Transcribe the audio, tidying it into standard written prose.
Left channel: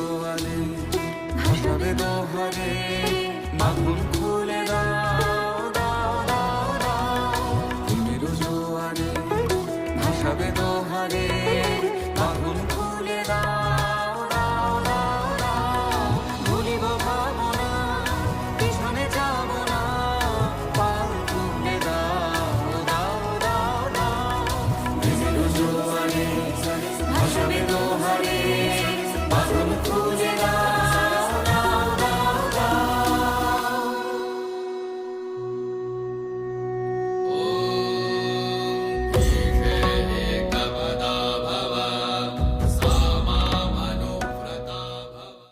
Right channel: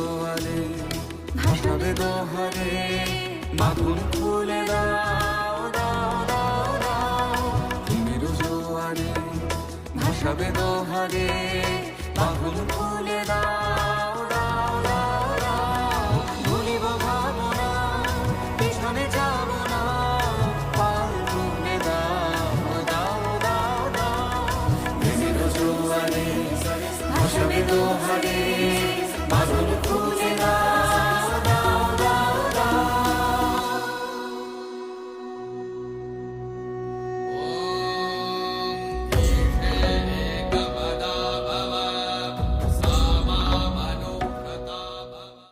জোয়ারে ভাসাবে দোহারে, মাথুন খুলে দাও দাও দাও দাও। প্রেমের জোয়ারে ভাসাবে দোহারে, মাথুন খুলে দাও দাও দাও দাও। ভুলিব ভাবনা, পিছনে যাব না।